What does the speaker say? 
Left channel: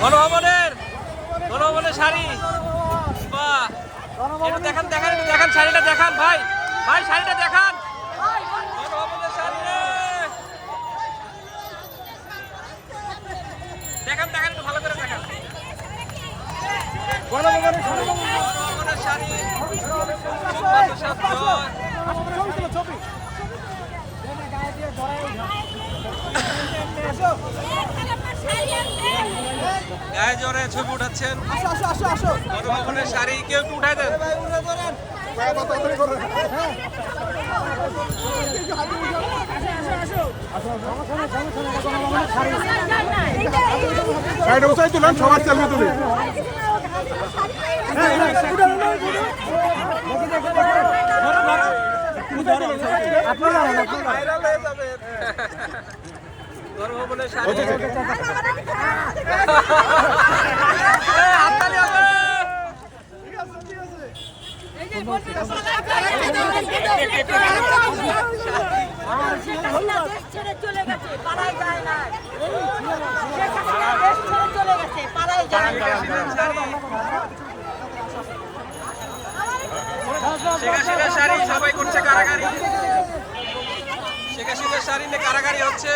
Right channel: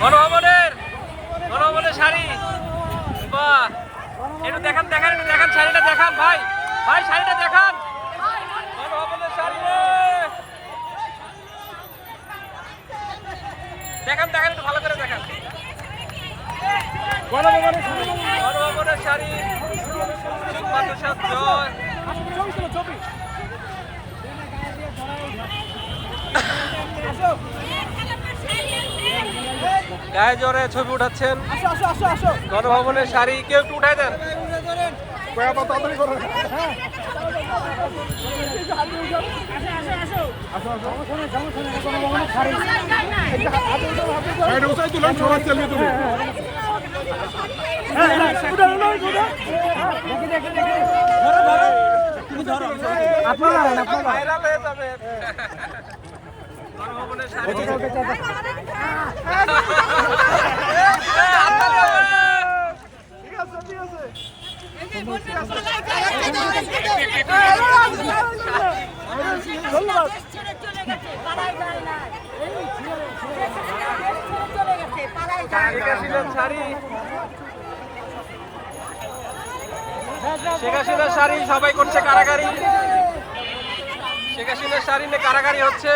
গণভবনের গণভবনের শাড়ি। বাহ। একটু দেখান দেখান একটু দেখান শাড়িটা দেখান ভাই। ভাই শাড়িটা দেখান। গণভবনের শাড়ি দেখান দেখান একটু ভালো করে দেখান। গণভবনের সামনে গণভবনের শাড়ি। ছবি। গায়ে জোরে ছবি উঠাচ্ছেন। গণভবনের শাড়ি কেউ একটু উঠাই দেন। সাইডে বসাই দিলাম সবার চলবে তুমি আপনারা ভাইরাল হয়ে যাবেন গণভবনের শাড়ি এ, হাততালি হবে। শেখ হাসিনার শাড়ি সবাই করছে কারাগারি। শেখ হাসিনার শাড়ি নিয়ে কারাগারি হচ্ছে।